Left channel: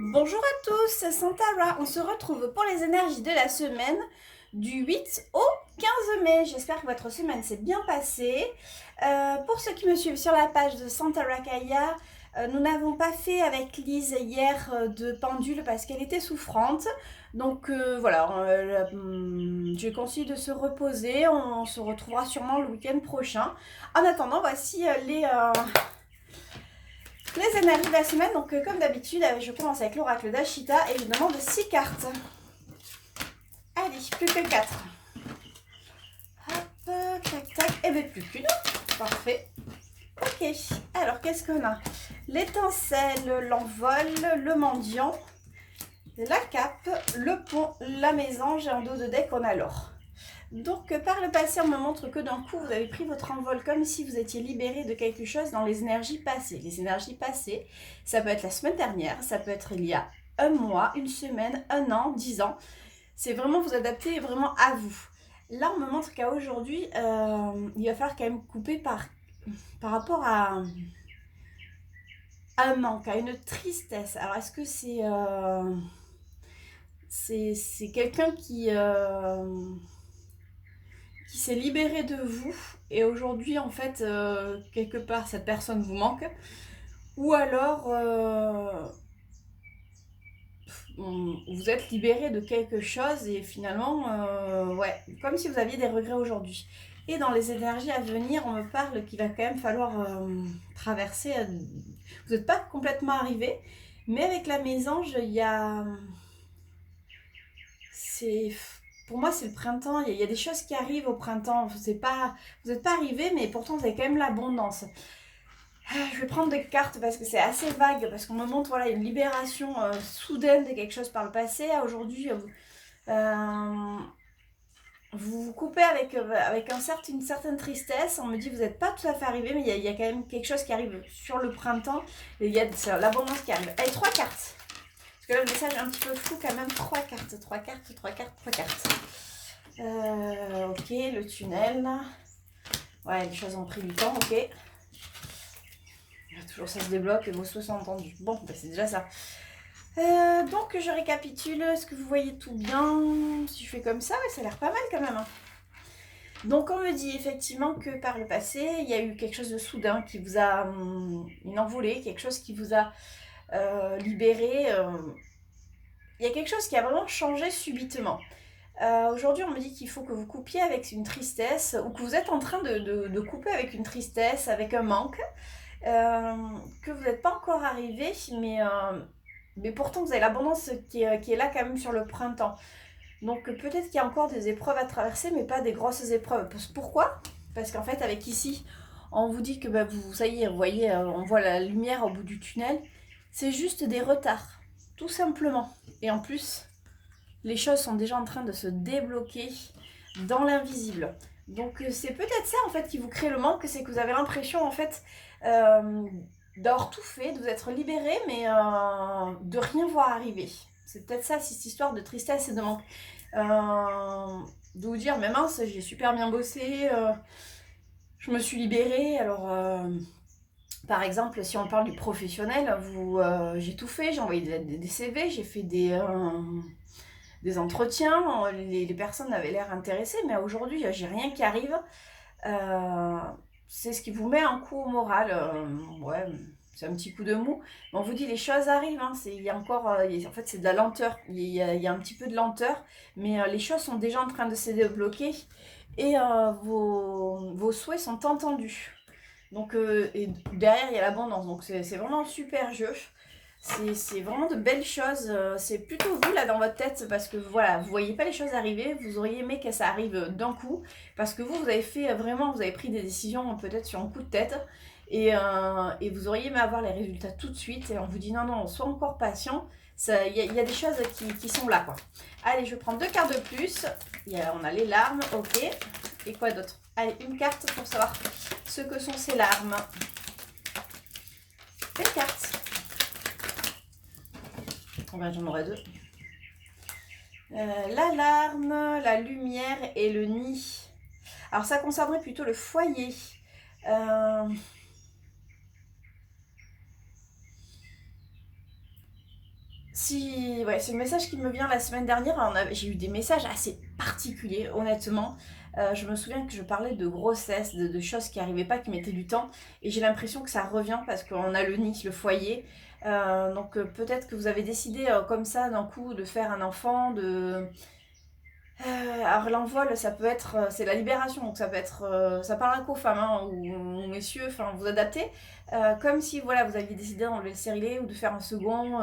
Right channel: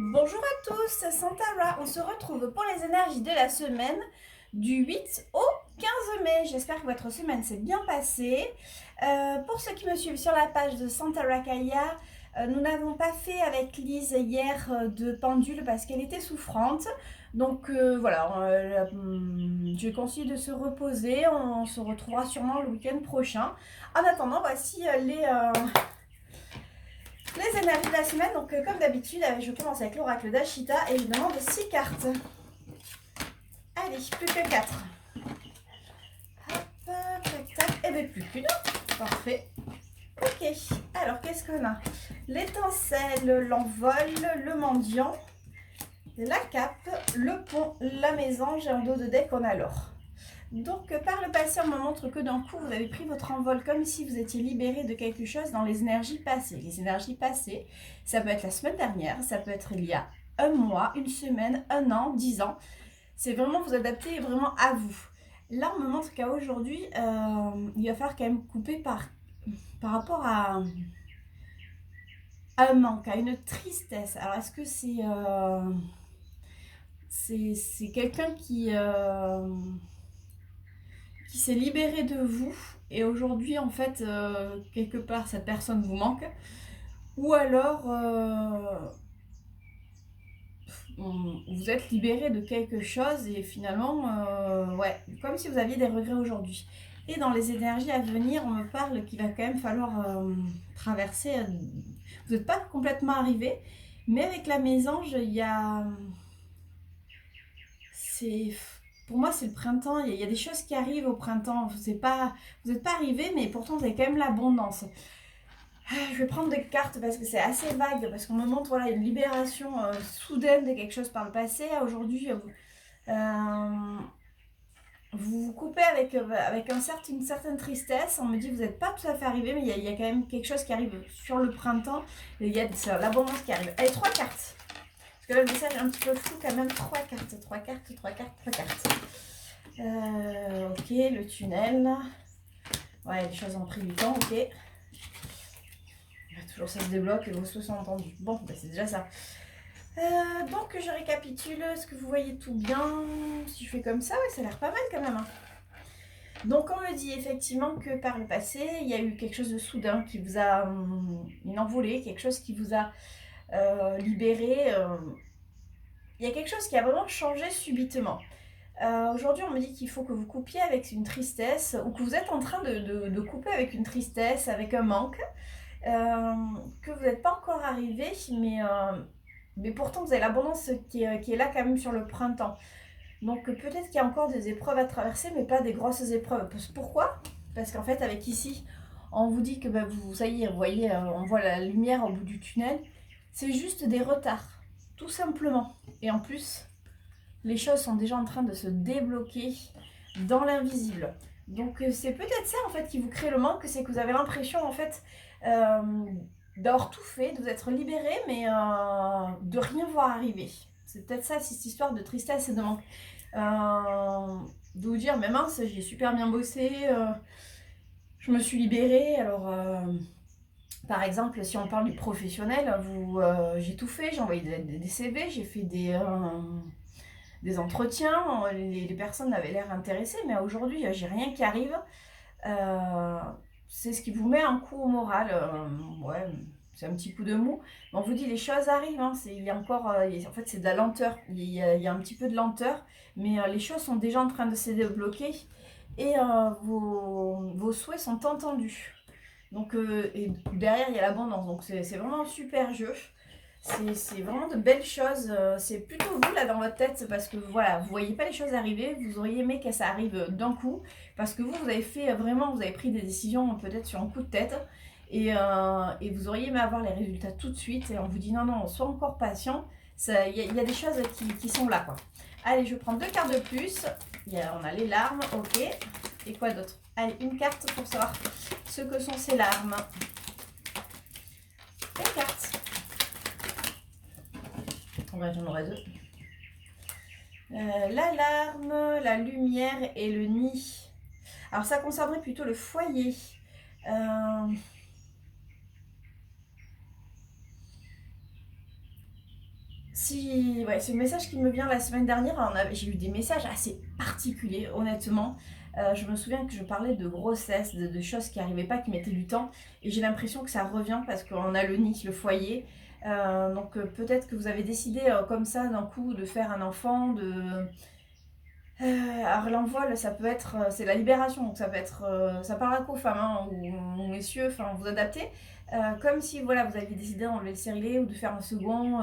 Bonjour à tous, c'est Santara. On se retrouve pour les énergies de la semaine du 8 au 15 mai. J'espère que votre semaine s'est bien passée. Pour ceux qui me suivent sur la page de Santara Kaya, nous n'avons pas fait avec Lise hier de pendule parce qu'elle était souffrante. Donc voilà, je lui conseille de se reposer. On se retrouvera sûrement le week-end prochain. En attendant, voici les énergies de la semaine. Donc comme d'habitude, je commence avec l'oracle d'Ashita et je demande 6 cartes. Allez, plus que 4. Hop, tac, tac. Et bien plus qu'une. Parfait. Ok, alors qu'est-ce qu'on a? L'étincelle, l'envol, le mendiant, la cape, le pont, la mésange et en dos de deck on a l'or. Donc par le passé, on me montre que d'un coup, vous avez pris votre envol comme si vous étiez libéré de quelque chose dans les énergies passées. Les énergies passées, ça peut être la semaine dernière, ça peut être il y a un mois, une semaine, un an, 10 ans. C'est vraiment vous adapter vraiment à vous. Là, on me montre qu'à aujourd'hui, il va falloir quand même couper par rapport à un manque, à une tristesse. Alors, est-ce que c'est quelqu'un qui s'est libéré de vous et aujourd'hui, en fait, quelque part, cette personne vous manque? Ou alors, vous êtes libéré de quelque chose et finalement, ouais, comme si vous aviez des regrets aujourd'hui. Et dans les énergies à venir, on me parle qu'il va quand même falloir traverser. Vous n'êtes pas complètement arrivé, mais avec la mésange, il y a. C'est. Pour moi, c'est le printemps. Il y a des choses qui arrivent au printemps. Vous n'êtes pas arrivé, mais pourtant, vous avez quand même l'abondance. Je vais prendre des cartes parce que c'est assez vague, parce qu'on me montre voilà, une libération soudaine de quelque chose par le passé. Aujourd'hui, euh, vous vous coupez avec une certaine tristesse. On me dit que vous n'êtes pas tout à fait arrivé, mais il y a quand même quelque chose qui arrive sur le printemps. Et il y a l'abondance qui arrive. Allez, 3 cartes. Parce que là, le message est un petit peu flou quand même. 3 cartes, 3 cartes, 3 cartes, 3 cartes. Ok, le tunnel. Ouais, les choses ont pris du temps, ok. Toujours ça se débloque, vos souhaits sont entendus. Bon, ben c'est déjà ça. Donc je récapitule, est-ce que vous voyez tout bien? Si je fais comme ça, ouais, ça a l'air pas mal quand même. Donc on me dit effectivement que par le passé, il y a eu quelque chose de soudain qui vous a une envolée, quelque chose qui vous a libéré. Il y a quelque chose qui a vraiment changé subitement. Aujourd'hui, on me dit qu'il faut que vous coupiez avec une tristesse ou que vous êtes en train de couper avec une tristesse, avec un manque, que vous n'êtes pas encore arrivé, mais pourtant vous avez l'abondance qui est là quand même sur le printemps. Donc peut-être qu'il y a encore des épreuves à traverser, mais pas des grosses épreuves. Pourquoi? Parce qu'en fait, avec ici, on vous dit que bah, ça y est, vous voyez, on voit la lumière au bout du tunnel. C'est juste des retards, tout simplement. Et en plus, les choses sont déjà en train de se débloquer dans l'invisible. Donc c'est peut-être ça en fait qui vous crée le manque, c'est que vous avez l'impression en fait euh, d'avoir tout fait, de vous être libéré, mais de rien voir arriver. C'est peut-être ça, cette histoire de tristesse et de manque. De vous dire, mais mince, j'ai super bien bossé, je me suis libérée, alors par exemple, si on parle du professionnel, j'ai tout fait, j'ai envoyé des CV, j'ai fait des entretiens, les personnes avaient l'air intéressées, mais aujourd'hui, j'ai rien qui arrive. Euh, c'est ce qui vous met un coup au moral. Ouais, c'est un petit coup de mou. Mais on vous dit, les choses arrivent. Hein, il y a encore, en fait, c'est de la lenteur. Il y a un petit peu de lenteur, mais les choses sont déjà en train de se débloquer et vos souhaits sont entendus. Donc, et derrière, il y a l'abondance. Donc, c'est vraiment un super jeu. C'est vraiment de belles choses. C'est plutôt vous là dans votre tête parce que voilà, vous voyez pas les choses arriver. Vous auriez aimé que ça arrive d'un coup parce que vous avez fait vraiment, vous avez pris des décisions peut-être sur un coup de tête et vous auriez aimé avoir les résultats tout de suite et on vous dit non, non, sois encore patient. Il y a des choses qui sont là quoi. Allez, je vais prendre 2 cartes de plus. On a les larmes, ok. Et quoi d'autre? Allez, une carte pour savoir ce que sont ces larmes. Des cartes. Ouais, j'en aurai 2. L'alarme, la lumière et le nid. Alors ça concernerait plutôt le foyer. Si, ouais, c'est le message qui me vient la semaine dernière. J'ai eu des messages assez particuliers, honnêtement. Je me souviens que je parlais de grossesse, de choses qui n'arrivaient pas, qui mettaient du temps. Et j'ai l'impression que ça revient parce qu'on a le nid, le foyer. Donc peut-être que vous avez décidé comme ça d'un coup de faire un enfant, alors l'envol, ça peut être, c'est la libération, donc ça peut être, ça parlera qu'aux femmes hein, ou aux messieurs, enfin vous adaptez. Comme si voilà, vous aviez décidé d'enlever le stérilet ou de faire un second.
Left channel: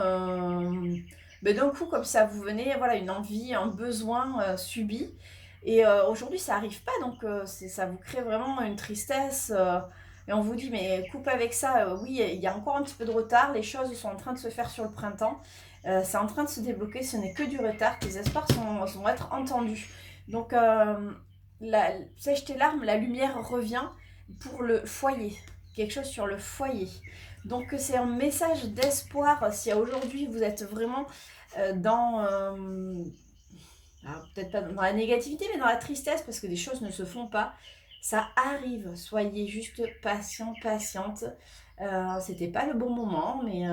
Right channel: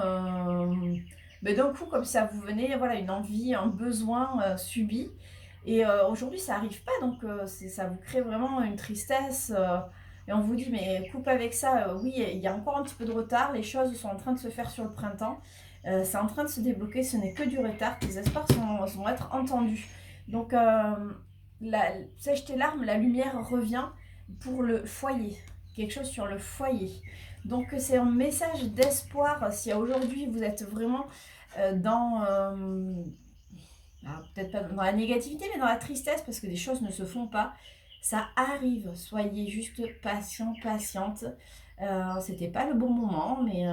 Mais d'un coup, comme ça vous venez, voilà, une envie, un besoin subi. Et aujourd'hui, ça arrive pas, donc ça vous crée vraiment une tristesse. Et on vous dit, mais coupe avec ça, oui, il y a encore un petit peu de retard, les choses sont en train de se faire sur le printemps. C'est en train de se débloquer, ce n'est que du retard, tes espoirs vont être entendus. Donc, sèche tes larmes, la lumière revient pour le foyer, quelque chose sur le foyer. Donc, c'est un message d'espoir. Si aujourd'hui vous êtes vraiment dans, peut-être pas dans la négativité, mais dans la tristesse, parce que des choses ne se font pas, ça arrive. Soyez juste patient, patiente. C'était pas le bon moment, mais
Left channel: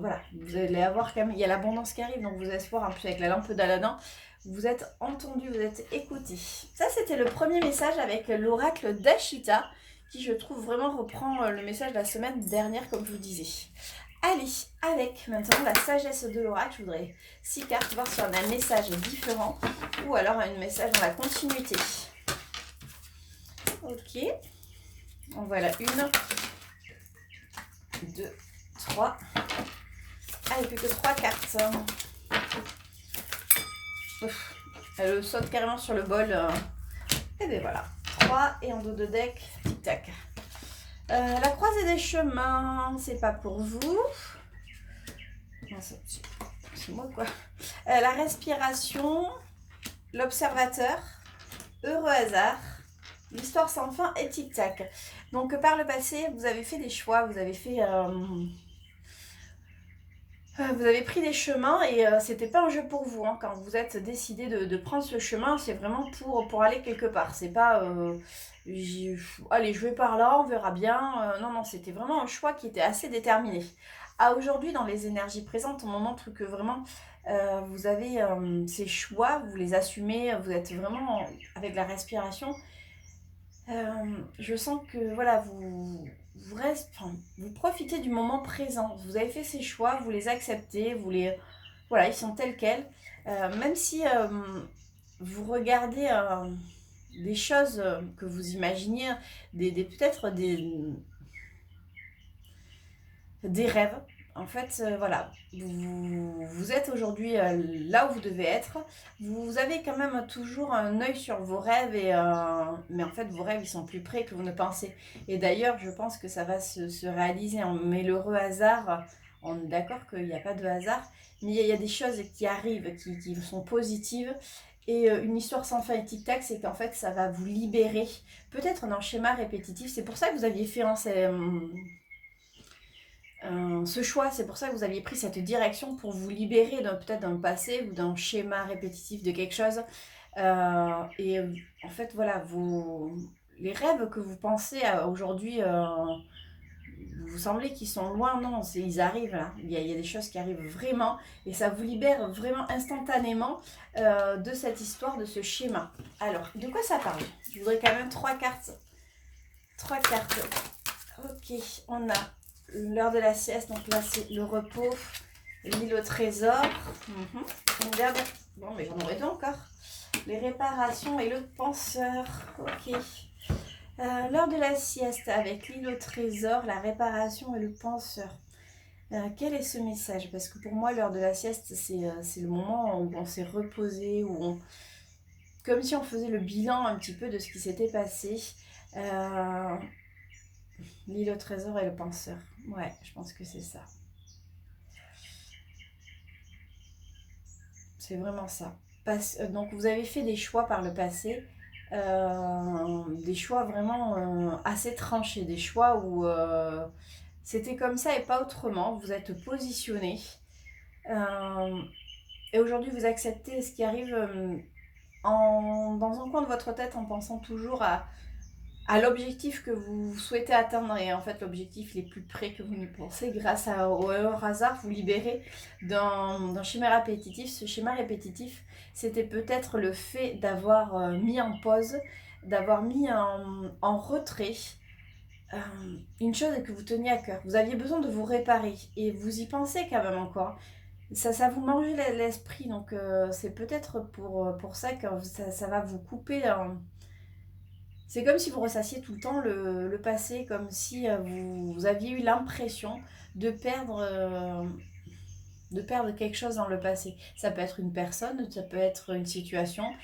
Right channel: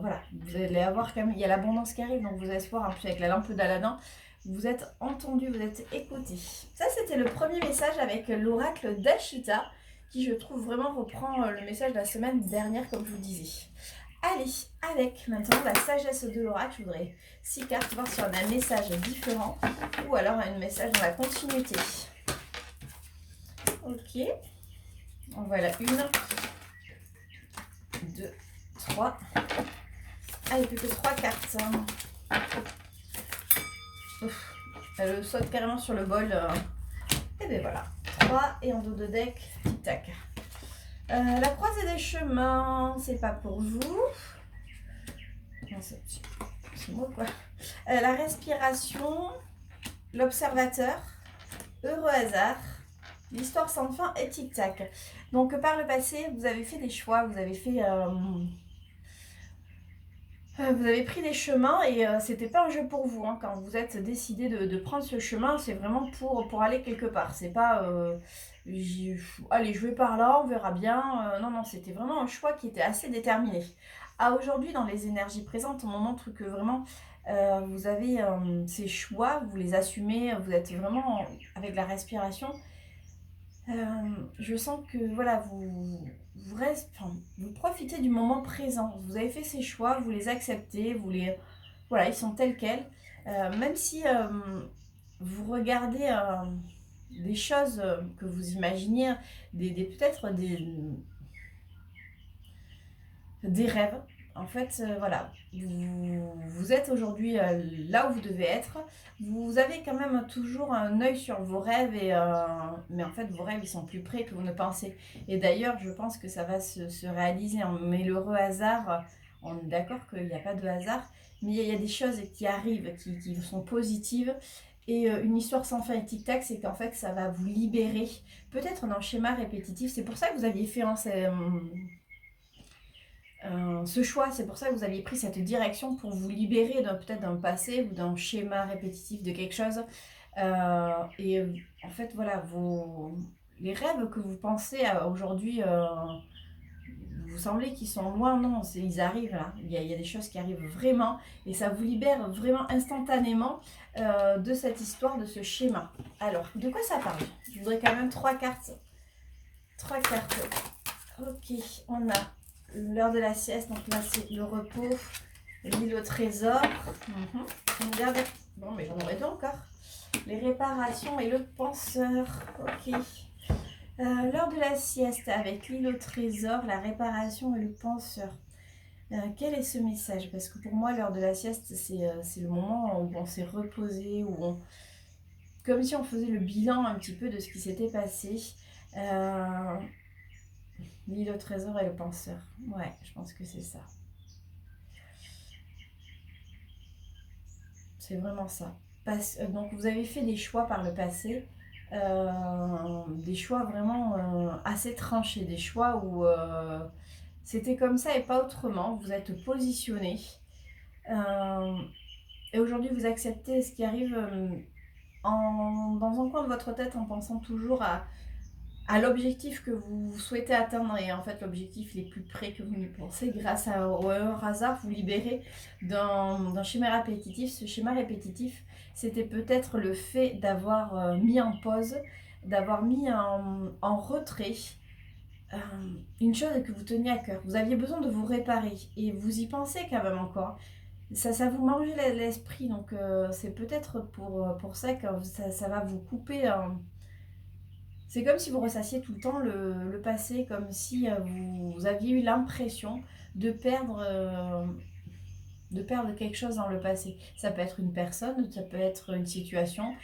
voilà, vous allez avoir quand même, il y a l'abondance qui arrive, donc vous allez voir, en plus avec la lampe d'Aladin, vous êtes entendu, vous êtes écouté. Ça, c'était le premier message avec l'oracle d'Ashita, qui je trouve vraiment reprend le message de la semaine dernière, comme je vous disais. Allez, avec maintenant la sagesse de l'oracle, je voudrais 6 cartes, voir si on a un message différent, ou alors un message dans la continuité. Ok, en voilà une. 2, 3. Allez, plus que 3 cartes. Ouf, elle saute carrément sur le bol. Et bien voilà. 3 et en dos de deck, tic-tac. La croisée des chemins, c'est pas pour vous. C'est moi quoi. La respiration, l'observateur, heureux hasard, l'histoire sans fin et tic-tac. Donc par le passé, vous avez fait des choix, vous avez fait... vous avez pris des chemins et c'était pas un jeu pour vous. Hein. Quand vous êtes décidé de prendre ce chemin, c'est vraiment pour aller quelque part. C'est pas allez, je vais par là, on verra bien. Non, non, c'était vraiment un choix qui était assez déterminé. À aujourd'hui, dans les énergies présentes, on montre que vraiment vous avez ces choix, vous les assumez, vous êtes vraiment avec la respiration. Je sens que voilà, vous profitez du moment présent. Vous avez fait ces choix, vous les acceptez, voilà, ils sont tels quels. Même si vous regardez des choses que vous imaginiez, peut-être des rêves. En fait, voilà, vous êtes aujourd'hui là où vous devez être. Vous avez quand même toujours un œil sur vos rêves, mais en fait, vos rêves, ils sont plus près que vous ne pensez. Et d'ailleurs, je pense que ça va se réaliser. Hein. Mais l'heureux hasard, on est d'accord qu'il n'y a pas de hasard, mais il y a des choses qui arrivent, qui sont positives. Et une histoire sans fin et tic-tac, c'est qu'en fait, ça va vous libérer. Peut-être dans le schéma répétitif. C'est pour ça que vous aviez fait ce choix, c'est pour ça que vous aviez pris cette direction pour vous libérer peut-être d'un passé ou d'un schéma répétitif de quelque chose. En fait, voilà, les rêves que vous pensez aujourd'hui, vous semblez qu'ils sont loin, non, ils arrivent là. Il y a des choses qui arrivent vraiment et ça vous libère vraiment instantanément de cette histoire, de ce schéma. Alors, de quoi ça parle? Je voudrais quand même 3 cartes. 3 cartes. Ok, on a l'heure de la sieste, donc là c'est le repos, l'île au trésor. Une dernière. Bon, mais j'en aurai deux encore. Les réparations et le penseur. Ok. L'heure de la sieste avec l'île au trésor, la réparation et le penseur. Quel est ce message? Parce que pour moi, l'heure de la sieste, c'est le moment où on s'est reposé, comme si on faisait le bilan un petit peu de ce qui s'était passé. L'île au trésor et le penseur. Ouais, je pense que c'est ça. C'est vraiment ça. Donc vous avez fait des choix par le passé, des choix vraiment assez tranchés, des choix où c'était comme ça et pas autrement. Vous êtes positionné. Et aujourd'hui vous acceptez ce qui arrive dans un coin de votre tête en pensant toujours à à l'objectif que vous souhaitez atteindre. Et en fait, l'objectif il est plus près que vous n'y pensez. Grâce au hasard, vous libérez d'un schéma répétitif. Ce schéma répétitif, c'était peut-être le fait d'avoir mis en pause, d'avoir mis en retrait une chose que vous teniez à cœur. Vous aviez besoin de vous réparer et vous y pensez quand même encore. Ça vous mange l'esprit, donc c'est peut-être pour ça que ça va vous couper. C'est comme si vous ressassiez tout le temps le passé, comme si vous aviez eu l'impression de perdre quelque chose dans le passé. Ça peut être une personne, ça peut être une situation,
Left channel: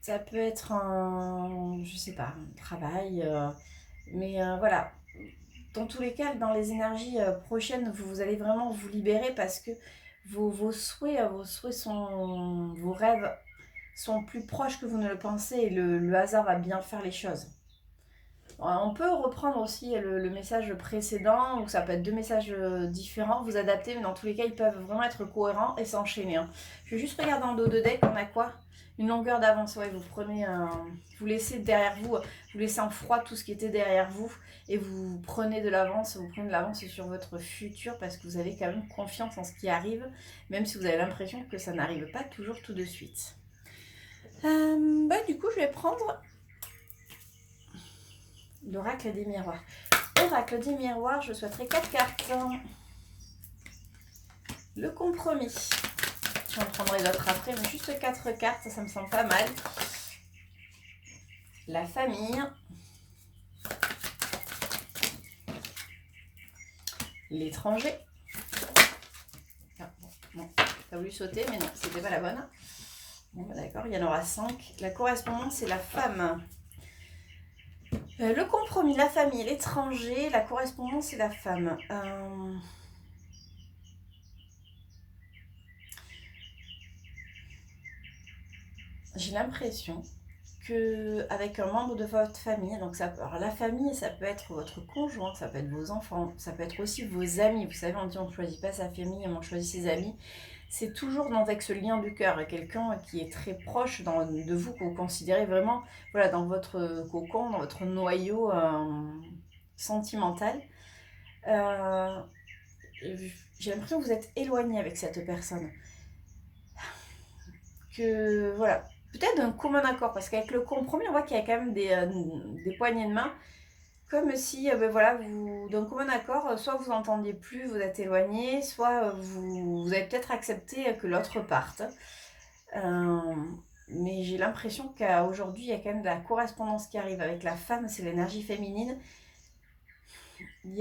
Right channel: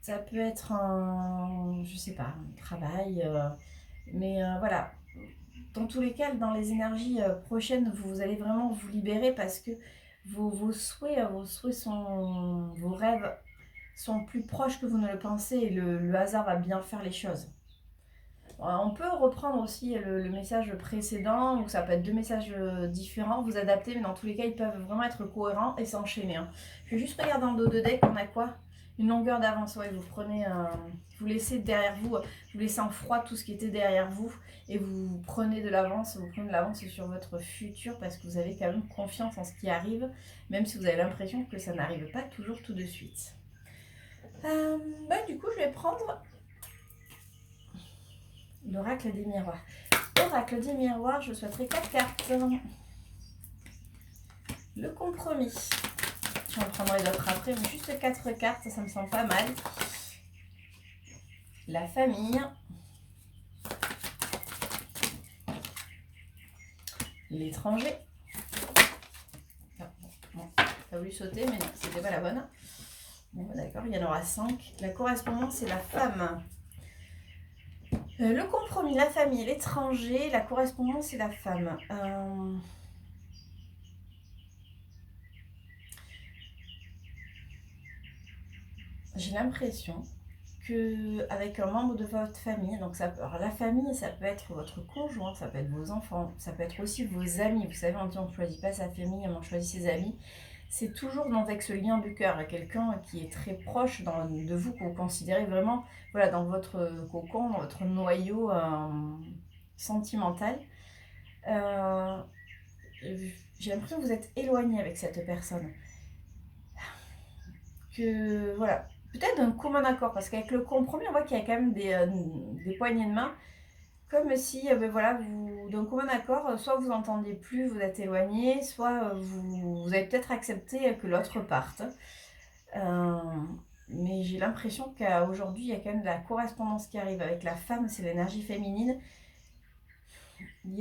ça peut être je sais pas, un travail. Mais voilà, dans tous les cas, dans les énergies prochaines, vous allez vraiment vous libérer parce que vos souhaits sont, vos rêves sont plus proches que vous ne le pensez et le hasard va bien faire les choses. On peut reprendre aussi le message précédent, ou ça peut être deux messages différents, vous adapter, mais dans tous les cas, ils peuvent vraiment être cohérents et s'enchaîner. Hein. Je vais juste regarder en dos de deck, on a quoi? Une longueur d'avance, ouais, vous prenez, vous laissez derrière vous, vous laissez en froid tout ce qui était derrière vous, et vous prenez de l'avance, sur votre futur, parce que vous avez quand même confiance en ce qui arrive, même si vous avez l'impression que ça n'arrive pas toujours tout de suite. Du coup, je vais prendre l'oracle des miroirs. Oracle des miroirs, je souhaiterais 4 cartes. Le compromis. J'en prendrai d'autres après, mais juste 4 cartes, ça me semble pas mal. La famille. L'étranger. Ah, bon, pas voulu sauter, mais non, c'était pas la bonne. Bon, d'accord, il y en aura 5. La correspondance, c'est la femme. Le compromis, la famille, l'étranger. La correspondance, c'est la femme. J'ai l'impression qu'avec un membre de votre famille, donc alors la famille, ça peut être votre conjoint, ça peut être vos enfants, ça peut être aussi vos amis. Vous savez, on dit on ne choisit pas sa famille, on choisit ses amis. C'est toujours avec ce lien de cœur, quelqu'un qui est très proche de vous, que vous considérez vraiment voilà, dans votre cocon, dans votre noyau sentimental. J'ai l'impression que vous êtes éloigné avec cette personne. Que voilà, peut-être d'un commun accord, parce qu'avec le compromis, on voit qu'il y a quand même des poignées de main, comme si, voilà, vous, d'un commun accord, soit vous entendiez plus, vous êtes éloigné, soit vous avez peut-être accepté que l'autre parte. Mais j'ai l'impression qu'aujourd'hui, il y a quand même de la correspondance qui arrive avec la femme, c'est l'énergie féminine.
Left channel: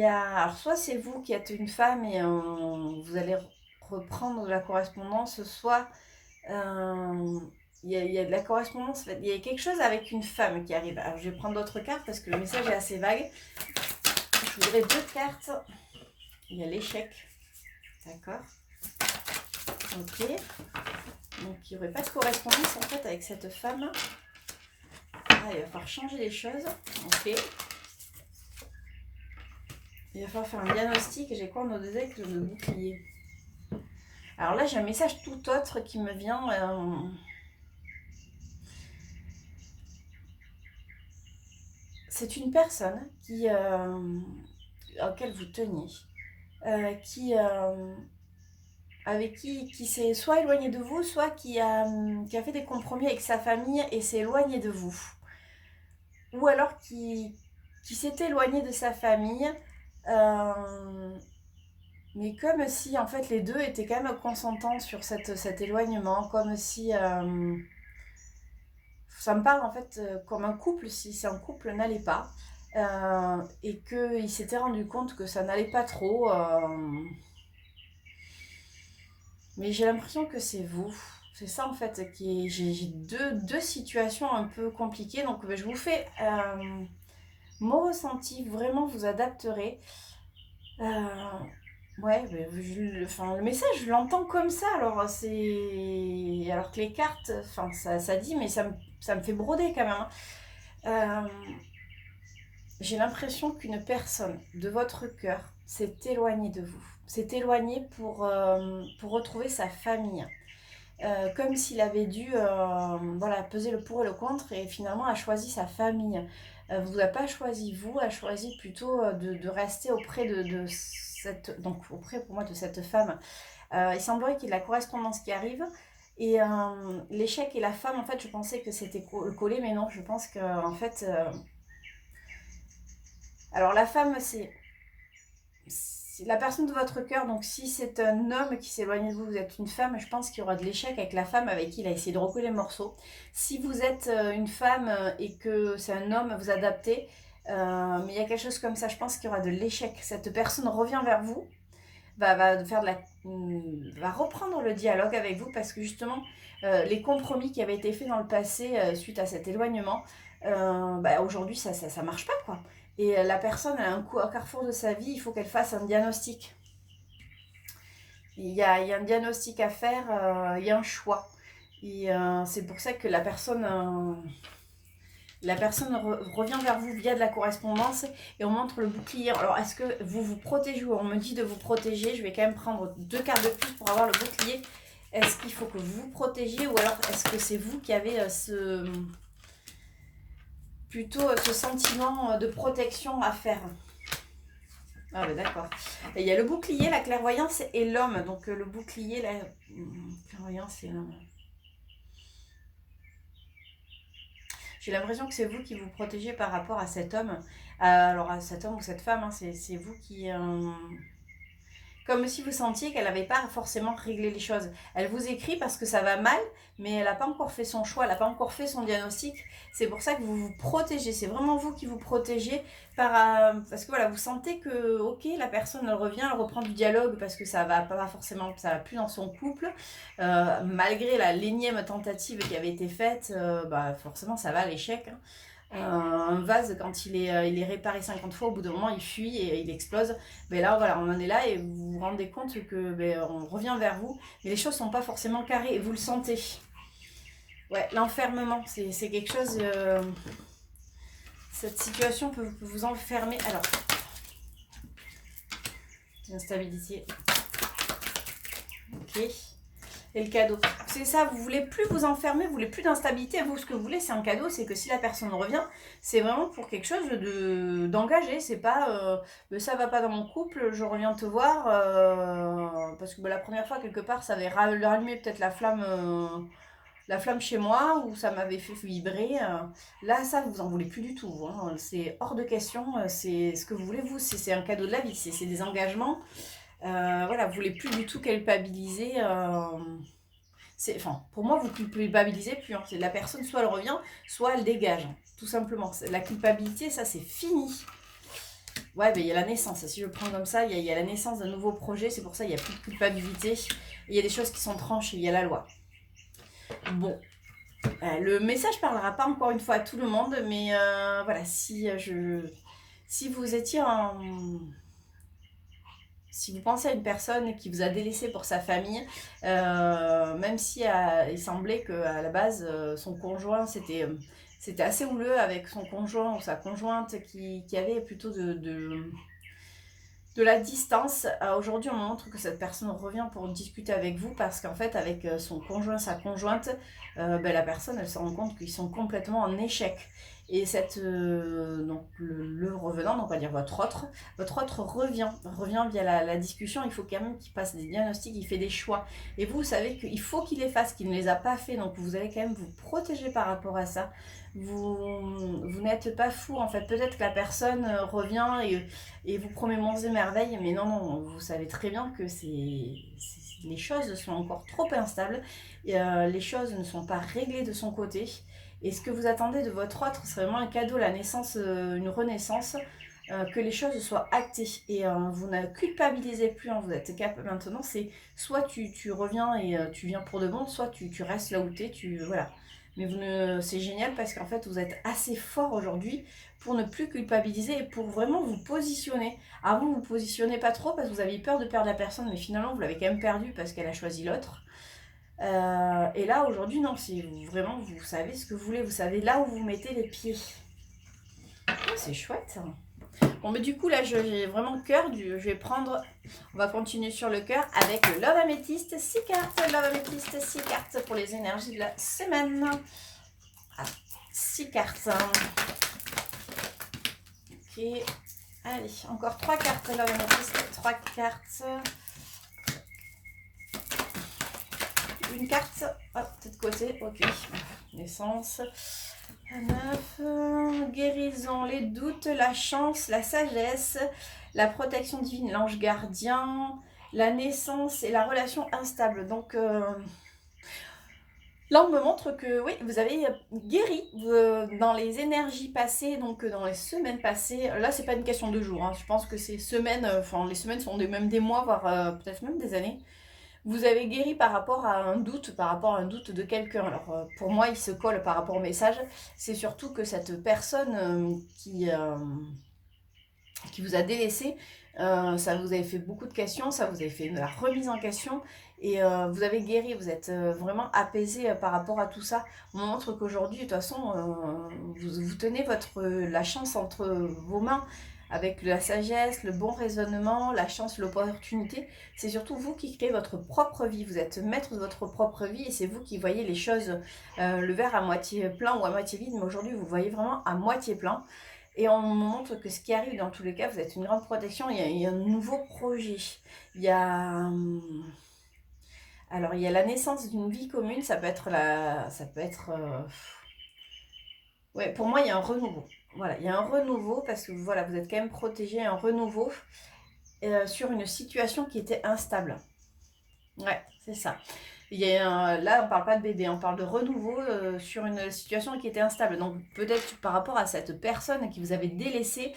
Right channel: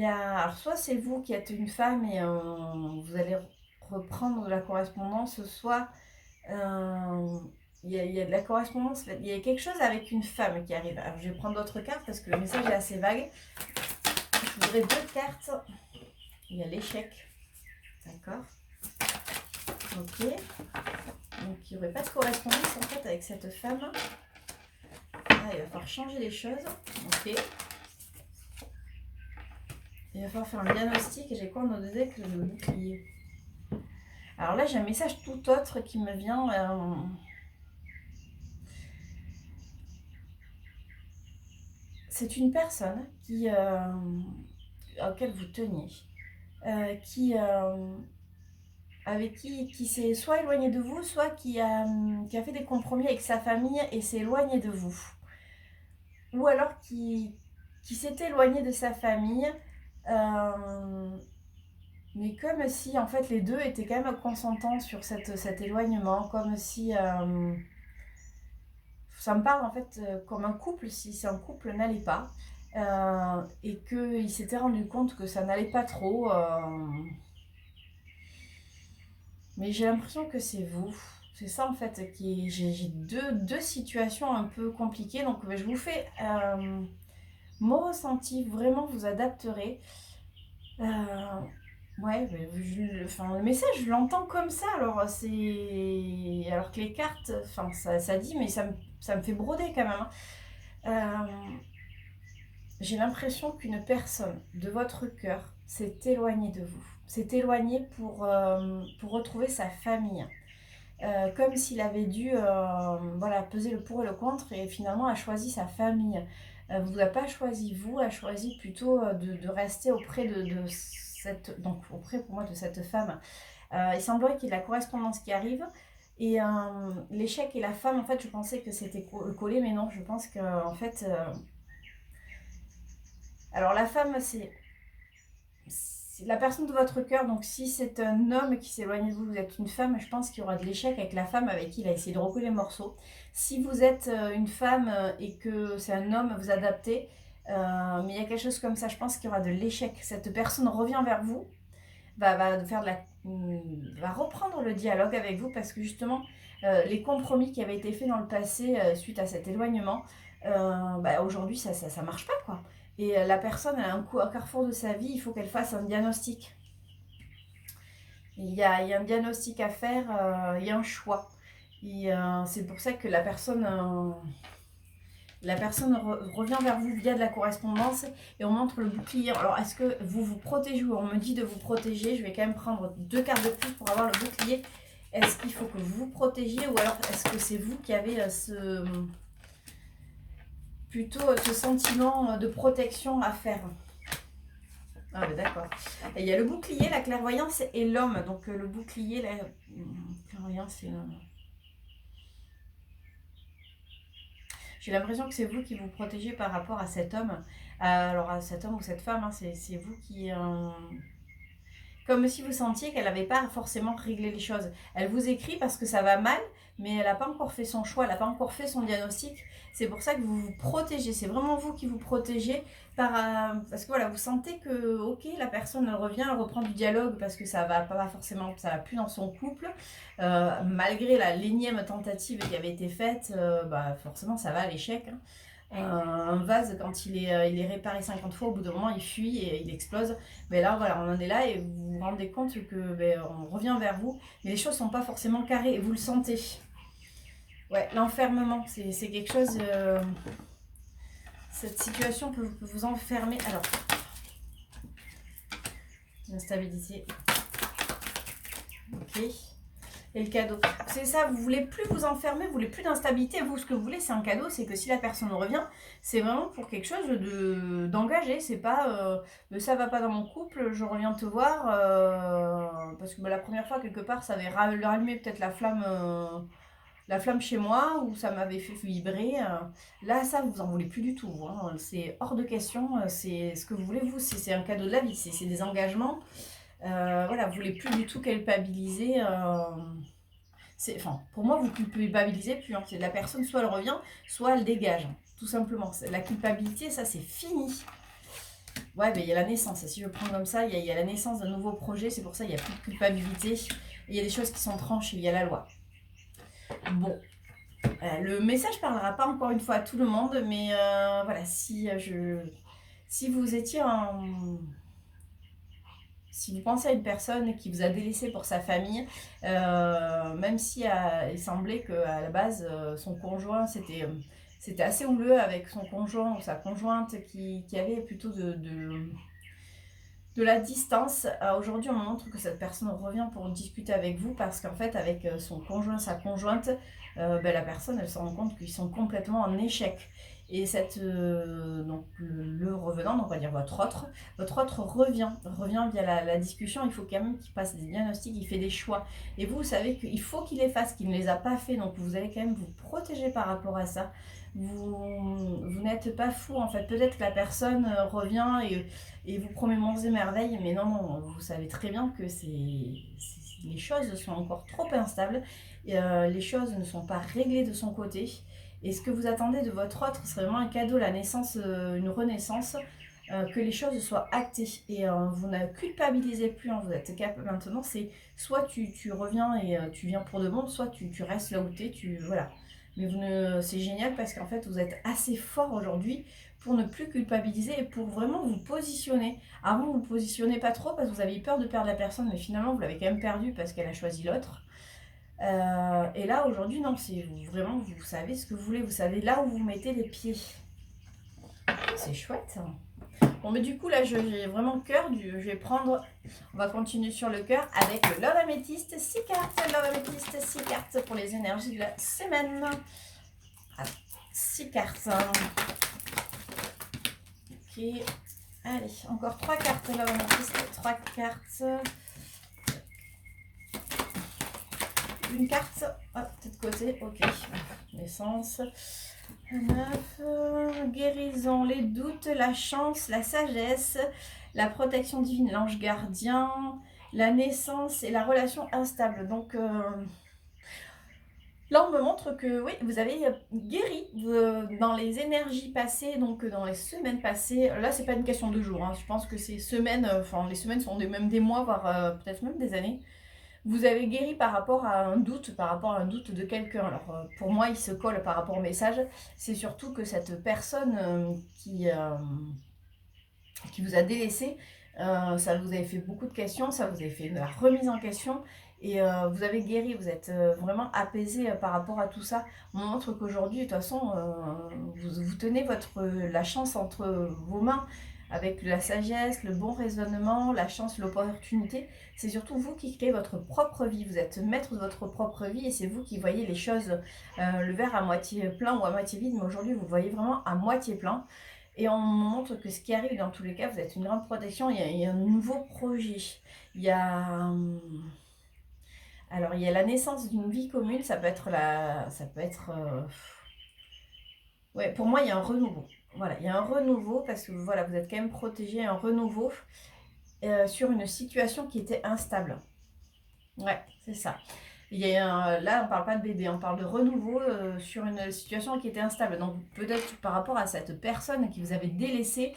Alors soit c'est vous qui êtes une femme et vous allez reprendre de la correspondance, soit il y a de la correspondance, il y a quelque chose avec une femme qui arrive. Alors je vais prendre d'autres cartes parce que le message est assez vague. Je voudrais 2 cartes. Il y a l'échec. D'accord. Ok. Donc il n'y aurait pas de correspondance en fait avec cette femme. Ah, il va falloir changer les choses. Ok. Il va falloir faire un diagnostic. J'ai quoi dans deux aigles de bouclier? Alors là j'ai un message tout autre qui me vient. C'est une personne auquel vous teniez, avec qui s'est soit éloigné de vous, soit qui a fait des compromis avec sa famille et s'est éloigné de vous. Ou alors qui s'est éloigné de sa famille, mais comme si en fait les deux étaient quand même consentants sur cet éloignement, comme si... ça me parle en fait comme un couple, si c'est un couple n'allait pas, et qu'il s'était rendu compte que ça n'allait pas trop. Mais j'ai l'impression que c'est vous. C'est ça en fait qui j'ai deux situations un peu compliquées. Donc je vous fais mon ressenti. Vraiment, vous adapterez. Ouais, le message, je l'entends comme ça. Alors que les cartes, ça dit, mais ça me fait broder quand même. Hein. J'ai l'impression qu'une personne de votre cœur s'est éloignée de vous. S'est éloignée pour retrouver sa famille. Comme s'il avait dû peser le pour et le contre et finalement a choisi sa famille. vous n'a pas choisi vous, a choisi plutôt de rester auprès de cette, donc auprès pour moi de cette femme. Il semblerait qu'il y ait la correspondance qui arrive. Et l'échec et la femme, en fait, je pensais que c'était collé, mais non, je pense que en fait, alors la femme, c'est la personne de votre cœur. Donc si c'est un homme qui s'éloigne de vous, vous êtes une femme, je pense qu'il y aura de l'échec avec la femme avec qui il a essayé de recoller les morceaux. Si vous êtes une femme et que c'est un homme, vous adaptez. Mais il y a quelque chose comme ça, je pense qu'il y aura de l'échec. Cette personne revient vers vous, va faire va reprendre le dialogue avec vous parce que justement, les compromis qui avaient été faits dans le passé suite à cet éloignement, aujourd'hui ça marche pas quoi. Et la personne elle a un carrefour de sa vie, il faut qu'elle fasse un diagnostic. Il y a un diagnostic à faire, il y a un choix. Et c'est pour ça que la personne revient vers vous via de la correspondance et on montre le bouclier. Alors, est-ce que vous vous protégez ou on me dit de vous protéger? Je vais quand même prendre 2 cartes de plus pour avoir le bouclier. Est-ce qu'il faut que vous vous protégiez ou alors est-ce que c'est vous qui avez plutôt ce sentiment de protection à faire? Ah oui, d'accord. Il y a le bouclier, la clairvoyance et l'homme. Donc, le bouclier, la clairvoyance et l'homme. J'ai l'impression que c'est vous qui vous protégez par rapport à cet homme. Alors, à cet homme ou cette femme, hein, c'est vous qui... comme si vous sentiez qu'elle n'avait pas forcément réglé les choses. Elle vous écrit parce que ça va mal, mais elle n'a pas encore fait son choix, elle n'a pas encore fait son diagnostic. C'est pour ça que vous vous protégez. C'est vraiment vous qui vous protégez parce que voilà, vous sentez que, ok, la personne elle revient, elle reprend du dialogue parce que ça va pas forcément, ça va plus dans son couple. Malgré l'énième tentative qui avait été faite, forcément ça va à l'échec. Hein. Un vase, quand il est réparé 50 fois, au bout d'un moment, il fuit et il explose. Mais là, voilà, on en est là et vous vous rendez compte que on revient vers vous. Mais les choses ne sont pas forcément carrées et vous le sentez. Ouais, l'enfermement, c'est quelque chose... cette situation peut vous enfermer. Alors, l'instabilité. Ok. Et le cadeau. C'est ça, vous voulez plus vous enfermer, vous voulez plus d'instabilité. Vous, ce que vous voulez, c'est un cadeau. C'est que si la personne revient, c'est vraiment pour quelque chose d'engagé. C'est pas ça va pas dans mon couple, je reviens te voir. Parce que la première fois, quelque part, ça avait rallumé peut-être la flamme chez moi, ou ça m'avait fait vibrer. Là, ça, vous en voulez plus du tout. Hein. C'est hors de question. C'est ce que vous voulez, vous. C'est un cadeau de la vie. C'est des engagements. Voilà, vous voulez plus du tout culpabiliser. Pour moi, vous culpabilisez plus. Hein. C'est la personne, soit elle revient, soit elle dégage. Hein. Tout simplement. La culpabilité, ça, c'est fini. Ouais, il y a la naissance. Si je prends comme ça, il y a la naissance d'un nouveau projet. C'est pour ça qu'il n'y a plus de culpabilité. Il y a des choses qui sont tranchées. Il y a la loi. Bon. Le message ne parlera pas encore une fois à tout le monde. Mais voilà, si vous étiez en... Si vous pensez à une personne qui vous a délaissé pour sa famille, même si il semblait qu'à la base, son conjoint, c'était assez houleux avec son conjoint ou sa conjointe qui avait plutôt de la distance. Aujourd'hui, on montre que cette personne revient pour discuter avec vous parce qu'en fait, avec son conjoint, sa conjointe, la personne, elle se rend compte qu'ils sont complètement en échec. Et donc le revenant, donc on va dire votre autre revient via la discussion. Il faut quand même qu'il passe des diagnostics, il fait des choix. Et vous savez qu'il faut qu'il les fasse, qu'il ne les a pas fait. Donc vous allez quand même vous protéger par rapport à ça. Vous n'êtes pas fou en fait. Peut-être que la personne revient et vous promet monts et merveilles, mais non, vous savez très bien que les choses sont encore trop instables. Les choses ne sont pas réglées de son côté. Et ce que vous attendez de votre autre, c'est vraiment un cadeau, la naissance, une renaissance, que les choses soient actées. Et vous ne culpabilisez plus, hein, vous êtes capable maintenant, c'est soit tu reviens et tu viens pour de bon, soit tu restes là où tu es, voilà. Mais c'est génial parce qu'en fait, vous êtes assez fort aujourd'hui pour ne plus culpabiliser et pour vraiment vous positionner. Avant, vous ne vous positionnez pas trop parce que vous aviez peur de perdre la personne, mais finalement, vous l'avez quand même perdue parce qu'elle a choisi l'autre. Et là aujourd'hui non, c'est vraiment vous savez ce que vous voulez, vous savez là où vous mettez les pieds. C'est chouette. Bon mais du coup là j'ai vraiment le cœur, je vais prendre, on va continuer sur le cœur avec le Love Améthyste, 6 cartes, Love Améthyste, 6 cartes pour les énergies de la semaine. 6 cartes. Ok. Allez, encore 3 cartes là, on a testé 3 cartes. Une carte, hop, de côté, ok. Naissance. 9. Guérison, les doutes, la chance, la sagesse, la protection divine, l'ange gardien, la naissance et la relation instable. Donc là, on me montre que oui, vous avez guéri dans les énergies passées, donc dans les semaines passées. Là, c'est pas une question de jours. Hein. Je pense que ces semaines, les semaines sont même des mois, voire peut-être même des années. Vous avez guéri par rapport à un doute, de quelqu'un. Alors pour moi, il se colle par rapport au message. C'est surtout que cette personne qui vous a délaissé, ça vous avait fait beaucoup de questions, ça vous avait fait de la remise en question. Et vous avez guéri, vous êtes vraiment apaisé par rapport à tout ça. On montre qu'aujourd'hui, de toute façon, vous tenez la chance entre vos mains avec la sagesse, le bon raisonnement, la chance, l'opportunité. C'est surtout vous qui créez votre propre vie. Vous êtes maître de votre propre vie et c'est vous qui voyez les choses, le verre à moitié plein ou à moitié vide. Mais aujourd'hui, vous voyez vraiment à moitié plein. Et on montre que ce qui arrive, dans tous les cas, vous êtes une grande protection. Il y a un nouveau projet. Il y a... Alors, il y a la naissance d'une vie commune. Ça peut être ouais, pour moi, il y a un renouveau. Voilà, il y a un renouveau parce que voilà, vous êtes quand même protégé. Un renouveau sur une situation qui était instable. Ouais, c'est ça. Là, on ne parle pas de bébé, on parle de renouveau sur une situation qui était instable. Donc peut-être par rapport à cette personne qui vous avait délaissé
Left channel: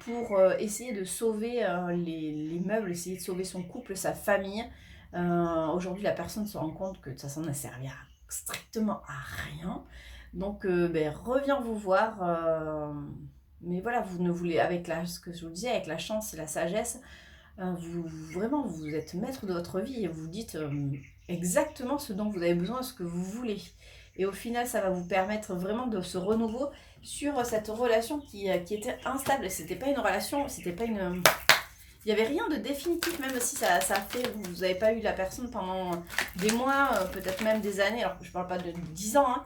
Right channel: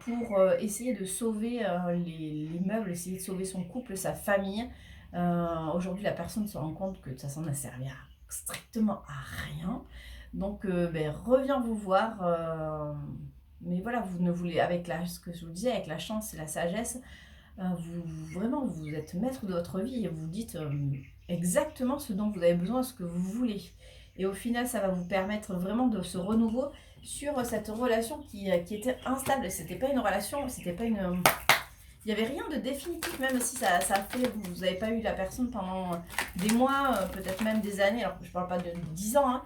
pour essayer de sauver les meubles, essayer de sauver son couple, sa famille. Aujourd'hui, la personne se rend compte que ça s'en a servi strictement à rien. Donc revient vous voir. Mais voilà, vous ne voulez, ce que je vous disais, avec la chance et la sagesse, vraiment, vous êtes maître de votre vie et vous dites exactement ce dont vous avez besoin, ce que vous voulez. Et au final, ça va vous permettre vraiment de ce renouveau sur cette relation qui était instable. C'était pas une relation, c'était pas une... Il n'y avait rien de définitif, même si ça fait... Vous n'avez pas eu la personne pendant des mois, peut-être même des années. Alors, je ne parle pas de 10 ans, hein,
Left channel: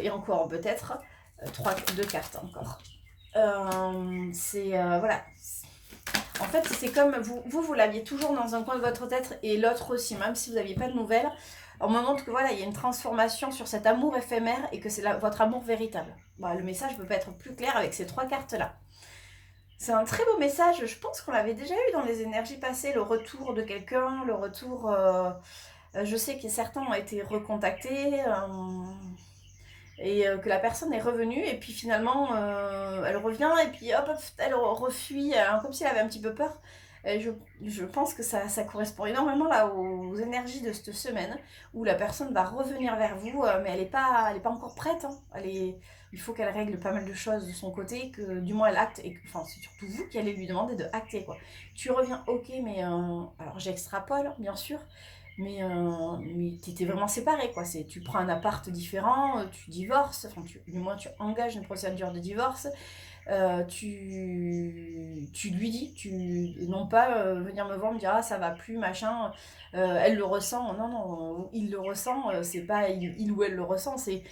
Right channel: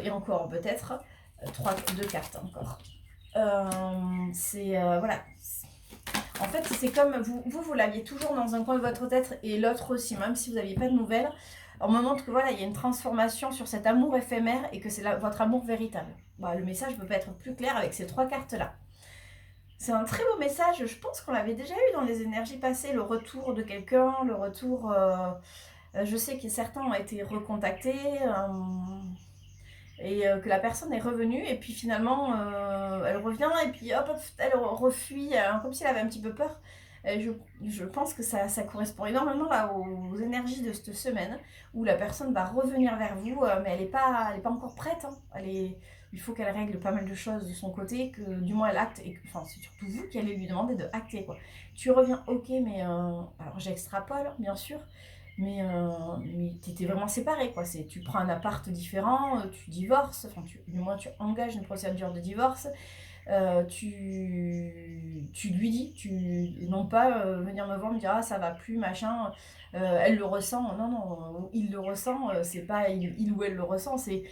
et encore peut-être 2 cartes encore. Voilà. En fait, c'est comme vous l'aviez toujours dans un coin de votre tête et l'autre aussi, même si vous n'aviez pas de nouvelles. On me montre que voilà, il y a une transformation sur cet amour éphémère et que c'est votre amour véritable. Bon, le message ne peut pas être plus clair avec ces 3 cartes-là. C'est un très beau message. Je pense qu'on l'avait déjà eu dans les énergies passées, le retour de quelqu'un, le retour... je sais que certains ont été recontactés. Et que la personne est revenue et puis finalement elle revient et puis hop, elle refuit comme si elle avait un petit peu peur. Et je pense que ça correspond énormément là aux énergies de cette semaine où la personne va revenir vers vous mais elle est pas encore prête, hein. Il faut qu'elle règle pas mal de choses de son côté, que du moins elle acte, enfin c'est surtout vous qui allez lui demander de acter quoi. Tu reviens, ok, mais alors j'extrapole bien sûr, mais t'étais vraiment séparés, quoi. Tu prends un appart différent, tu divorces, enfin, du moins tu engages une procédure de divorce, tu lui dis, non pas venir me voir, me dire ah ça va plus, machin, elle le ressent, non, non, il le ressent, c'est pas il ou elle le ressent, c'est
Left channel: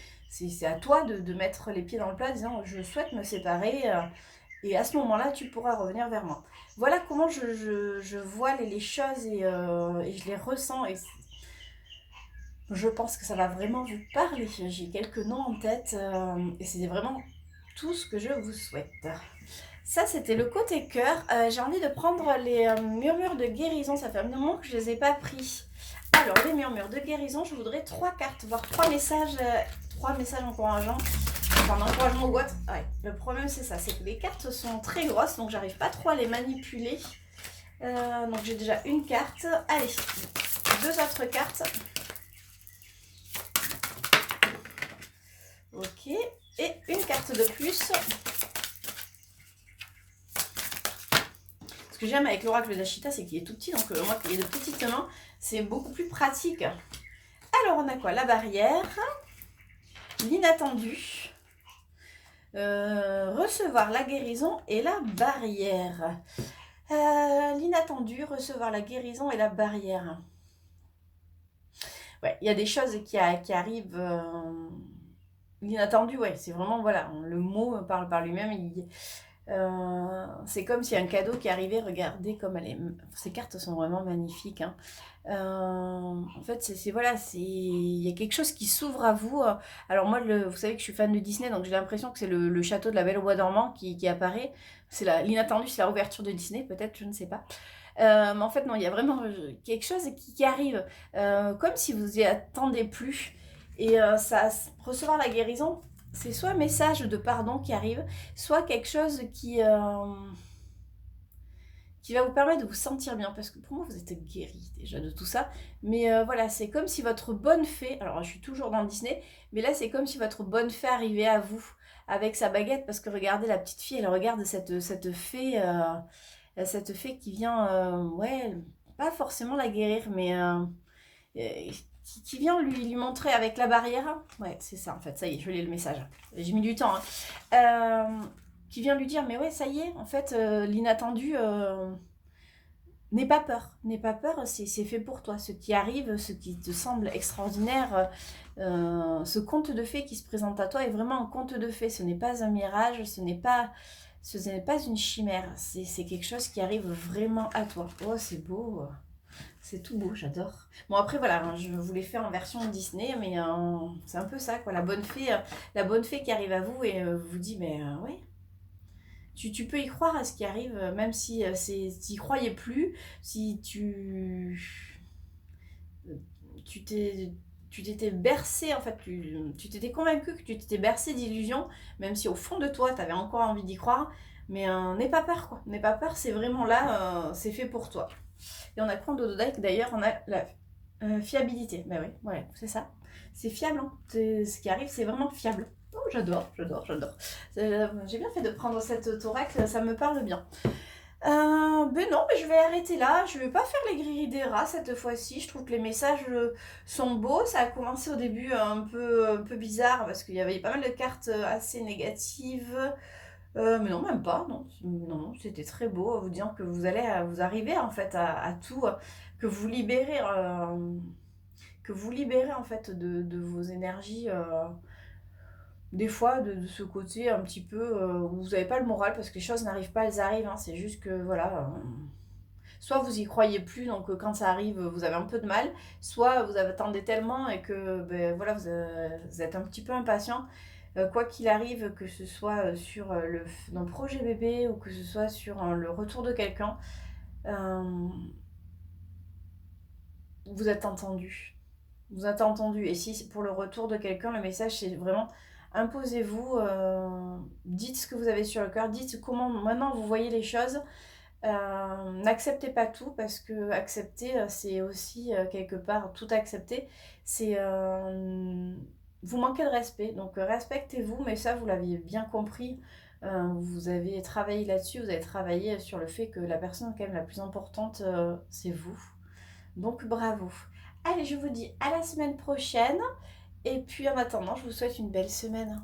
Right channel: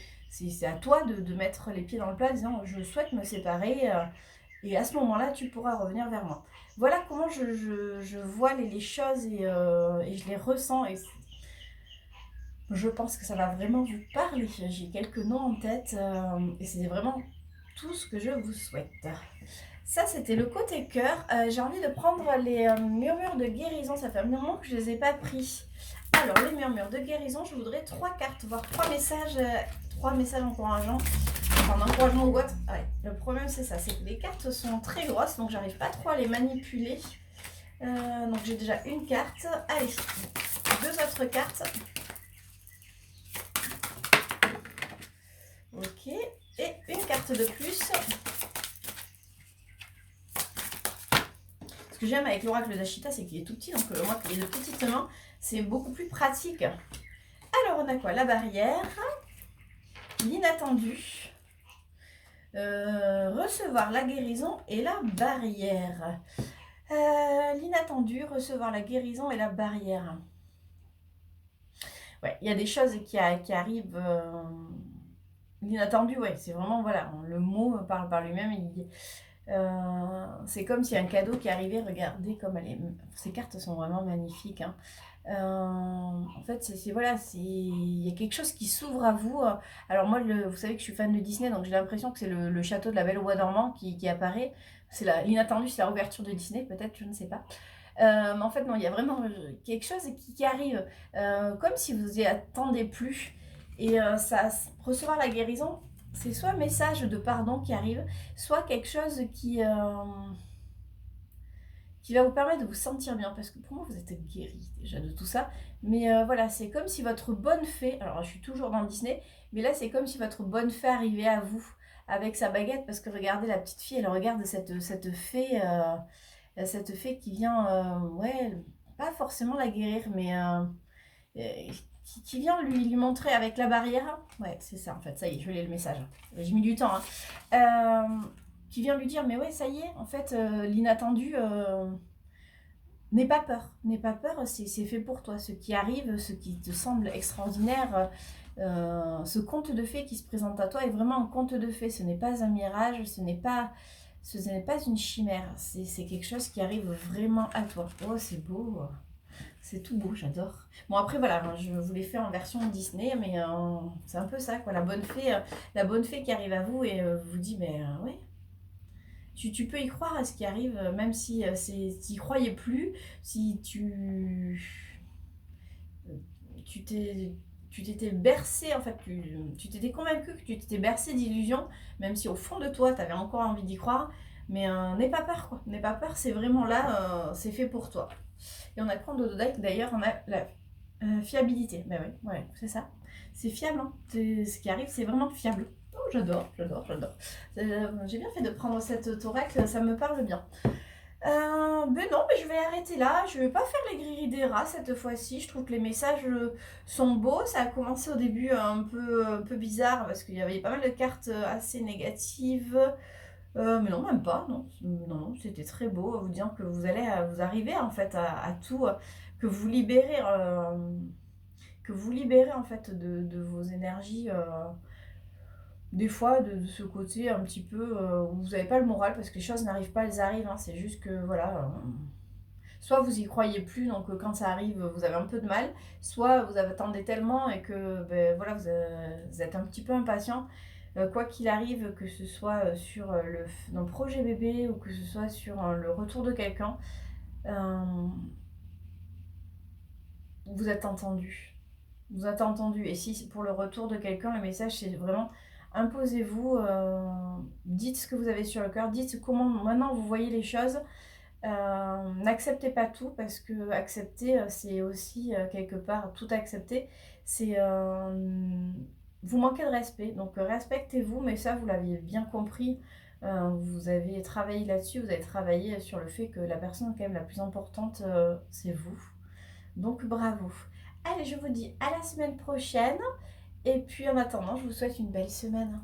à toi de mettre les pieds dans le plat en disant je souhaite me séparer, et à ce moment-là tu pourras revenir vers moi. Voilà comment je vois les choses et je les ressens. Et je pense que ça va vraiment vous parler. J'ai quelques noms en tête et c'est vraiment tout ce que je vous souhaite. Ça, c'était le côté cœur. J'ai envie de prendre les murmures de guérison. Ça fait un moment que je ne les ai pas pris. Alors, les murmures de guérison, je voudrais 3 cartes, voire 3 messages. 3 messages encourageants. Enfin, d'encouragement ou autre. Ouais, le problème, c'est ça. C'est que les cartes sont très grosses, donc j'arrive pas trop à les manipuler. Donc, j'ai déjà une carte. Allez, 2 autres cartes. Ok, et une carte de plus. Ce que j'aime avec l'oracle d'Ashita, c'est qu'il est tout petit, donc moi qui ai de petites mains, c'est beaucoup plus pratique. Alors on a quoi? La barrière, l'inattendu, recevoir la guérison et la barrière. L'inattendu, recevoir la guérison et la barrière. Ouais, il y a des choses qui arrivent... L'inattendu, ouais, c'est vraiment, voilà, le mot parle par lui-même. C'est comme si un cadeau qui arrivait, regardez comme elle est... Ces cartes sont vraiment magnifiques, hein. En fait, voilà, il y a quelque chose qui s'ouvre à vous. Alors moi, vous savez que je suis fan de Disney, donc j'ai l'impression que c'est le château de la Belle au Bois dormant qui apparaît. C'est l'inattendu, c'est la ouverture de Disney, peut-être, je ne sais pas. Mais en fait, non, il y a vraiment quelque chose qui arrive, comme si vous y attendez plus. Et recevoir la guérison, c'est soit un message de pardon qui arrive, soit quelque chose qui va vous permettre de vous sentir bien. Parce que pour moi, vous êtes guéri déjà de tout ça. Mais voilà, c'est comme si votre bonne fée, alors je suis toujours dans Disney, mais là, c'est comme si votre bonne fée arrivait à vous avec sa baguette. Parce que regardez, la petite fille, elle regarde cette fée qui vient, ouais, pas forcément la guérir, mais qui vient lui montrer avec la barrière. Ouais, c'est ça en fait, ça y est, je l'ai le message. J'ai mis du temps, hein. Qui vient lui dire, mais ouais, ça y est, en fait, l'inattendu, n'aie pas peur, c'est fait pour toi. Ce qui arrive, ce qui te semble extraordinaire, ce conte de fées qui se présente à toi est vraiment un conte de fées. Ce n'est pas un mirage, ce n'est pas une chimère. C'est quelque chose qui arrive vraiment à toi. Oh, c'est beau. C'est tout beau, j'adore. Bon, après, voilà, hein, je voulais faire en version Disney, mais c'est un peu ça, quoi. La bonne fée qui arrive à vous et vous dit, mais ouais, tu peux y croire à ce qui arrive, même si tu n'y croyais plus, si tu t'es tu t'étais bercé, en fait, tu t'étais convaincu que tu t'étais bercé d'illusions, même si au fond de toi, tu avais encore envie d'y croire. Mais n'aie pas peur, quoi. N'aie pas peur, c'est vraiment là, c'est fait pour toi. Et on a quoi en dodo deck d'ailleurs? On a la fiabilité. Ben oui, ouais, c'est ça. C'est fiable, hein. Ce qui arrive, c'est vraiment fiable. Oh, j'adore, j'adore, j'adore. J'ai bien fait de prendre cette thorax, ça me parle bien. Ben non, mais je vais arrêter là. Je vais pas faire les grilles des rats cette fois-ci. Je trouve que les messages sont beaux. Ça a commencé au début un peu bizarre parce qu'il y avait pas mal de cartes assez négatives. Mais non, même pas, non. Non, c'était très beau, vous disant que vous allez vous arriver en fait à tout, que vous libérez en fait de vos énergies, des fois de ce côté un petit peu où vous n'avez pas le moral parce que les choses n'arrivent pas, elles arrivent, hein. C'est juste que voilà, soit vous y croyez plus, donc quand ça arrive, vous avez un peu de mal, soit vous attendez tellement et que ben, voilà, vous êtes un petit peu impatient. Quoi qu'il arrive, que ce soit sur dans le projet bébé ou que ce soit sur le retour de quelqu'un, euh, vous êtes entendu. Vous êtes entendu. Et si pour le retour de quelqu'un, le message c'est vraiment imposez-vous, dites ce que vous avez sur le cœur, dites comment maintenant vous voyez les choses. N'acceptez pas tout parce que accepter, c'est aussi quelque part tout accepter. C'est vous manquez de respect, donc respectez-vous, mais ça vous l'aviez bien compris. Vous avez travaillé là-dessus, vous avez travaillé sur le fait que la personne quand même la plus importante, c'est vous. Donc bravo. Allez, je vous dis à la semaine prochaine. Et puis en attendant, je vous souhaite une belle semaine.